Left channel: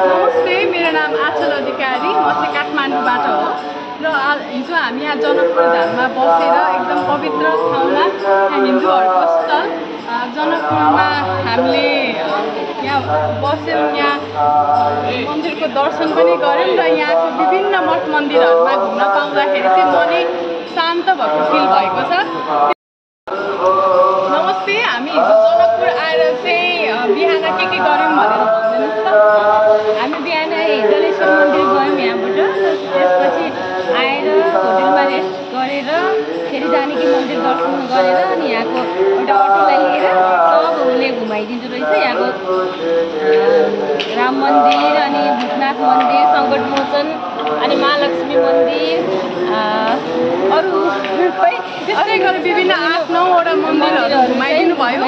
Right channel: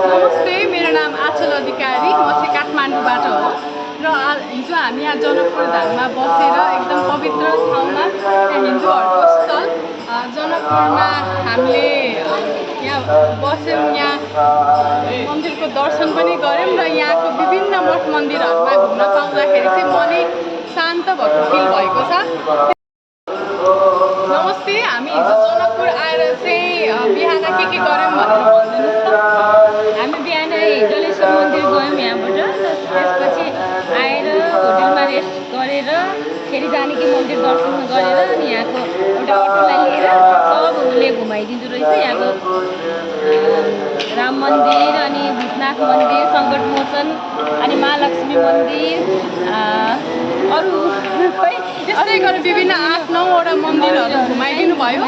नमस्ते, मेरो नाम आचल अधिकारी, म चाहिँ काठमाडौँबाट हो र हिजो हामी यहाँ जनकपुर धाममा बसेर एकदम पवित्र ठाउँमा हिन्दूहरूको स्थल जनकपुरमा हामीले यहाँ बस्यौँ, यहाँ मन्दिरको दर्शन पनि गऱ्यौँ र यहाँको विभिन्न मठ मन्दिरहरूमा घुम्न पाउँदाखेरि चाहिँ मनै शान्त भएको फिल भएको छ। नमस्ते, हामी हिजो जनकपुर आएर चाहिँ बिहान के गऱ्यौँ भनेर भनिदिनुहोस् त। हामी बिहान जलेश्वर मन्दिर गयौँ यहाँबाट, त्यसपछि आएर होटेलमा रेस्ट गरेर फेरि जानकी मन्दिर दर्शन गरेर अनि यहाँको एउटा अटोलाई लिएर सब उसले घुमाइदिँदो रहेछ। यहाँको राम मन्दिर अनि भूतनाथ मन्दिर, सङ्कट मोचन अनि महालक्ष्मी मन्दिर, अरू त्यस्तै गरेर विभिन्न 8-9वटा मन्दिरहरू घुमाइदिनु भयो।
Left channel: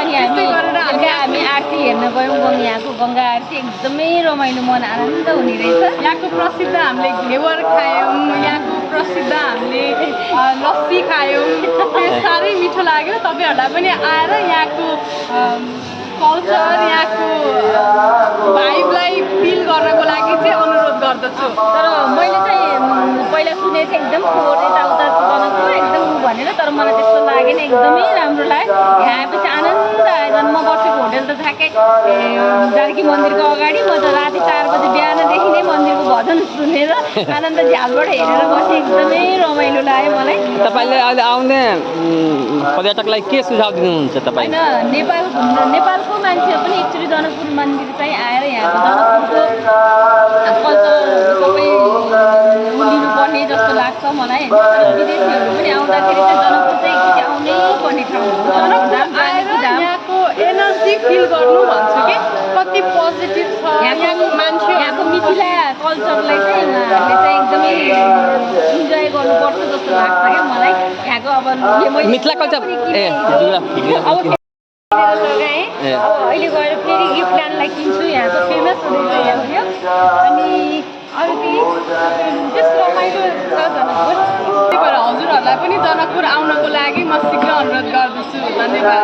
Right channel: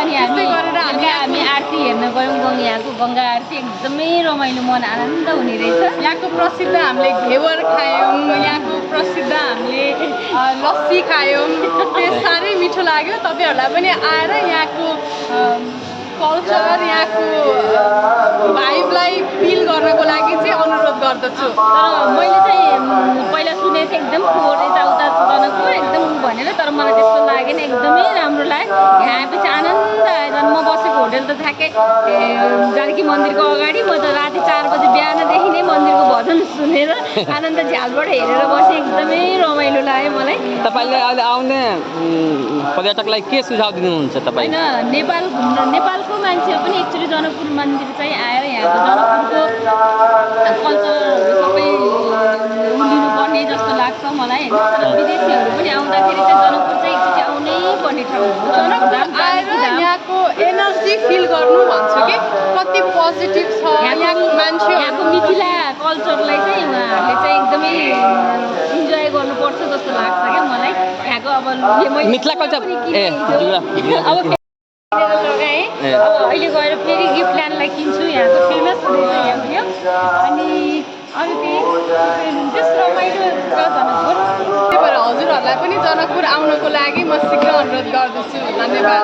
अनि त्यस्तै गरेर हामी आरती हेर्न गयौँ। यहाँको गङ्गा आरती एकदमै रमाइलो, मन आनन्द हुने रहेछ। यहाँको प्रसिद्ध हामीले घेवर खायौँ, यहाँको प्रसिद्ध हामीले लस्सी खायौँ, त्यो साह्रै मिठो लाग्यो। तपाईँहरूलाई पनि आएर यहाँको कल्चर, यहाँको भाइबलाई फिल गर्नको लागि चाहिँ अनुरोध गर्दछु। तर मैले चाहिँ पहिला सुनेको थिएँ एकदम फोहोर यताउता जनकपुर एकदम भनेर, तर मलाई त्यस्तो लागेन, एकदमै राम्रो लाग्यो। यहाँ आएपछि आनन्द आयो। झन् म बसेको होटेल त ठ्याक्कै जानकी मन्दिरको अगाडि, म त राति 4 बजी बिहानदेखि नै मन्दिरको भजन सुनेर आनन्द झ्यालबाट हेरेर बसेँ, एकदमै रमाइलो लाग्यो मलाई। तपाईँले अहिले आउने पर्यटकलाई के सुझाव दिनुहुन्छ तपाईँ? होइन, नेपालको मान्छेहरू पनि एक्चुअली जनकपुर मन्दिर चाहिँ आएर यहाँको जनकपुरको कल्चरहरू सबै लिनुपर्ने जस्तो लाग्छ मलाई होइन। तर विदेशीहरू पनि आउँदाखेरि चाहिँ जनकपुर चाहिँ एकचोटि आउनै पर्ने ठाउँ हो। जनकपुर आएर यहाँको एनर्जी फिल गर्नु भन्छु कि कति पोजिटिभ छ यहाँको मान्छे। यहाँको मिथिला कल्चरलाई चाहिँ उहाँहरूले चाहिँ एकदमै इन्जोय गर्नुपर्छ जस्तो लाग्छ क्या मलाई। यहाँको अब मिथिला कल्चर लगाएँ, अब अहिले गएर फेरि गिफ्ट ल्यान्डलाई किन्छु। यहाँको फेमस हुँदैछ यहाँ अनि अरू केही त्यस्तो रमाइलो छ जनकपुर। त्यही भएर हजुरहरूलाई पनि जनकपुर आउनको लागि म शीघ्र अनुरोध गर्दछु। धन्यवाद।